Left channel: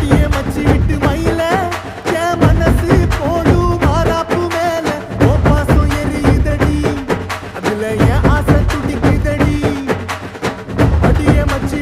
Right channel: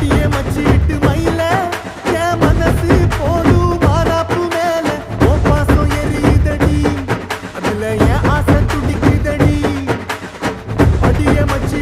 அடியே மச்சி விட்டு மயில என் மனசு போடு மாறாப்பு மேல ஓ பாசம் எரியுதடி அதுல என் ஆசை துடிக்குதடி அடியே மச்சி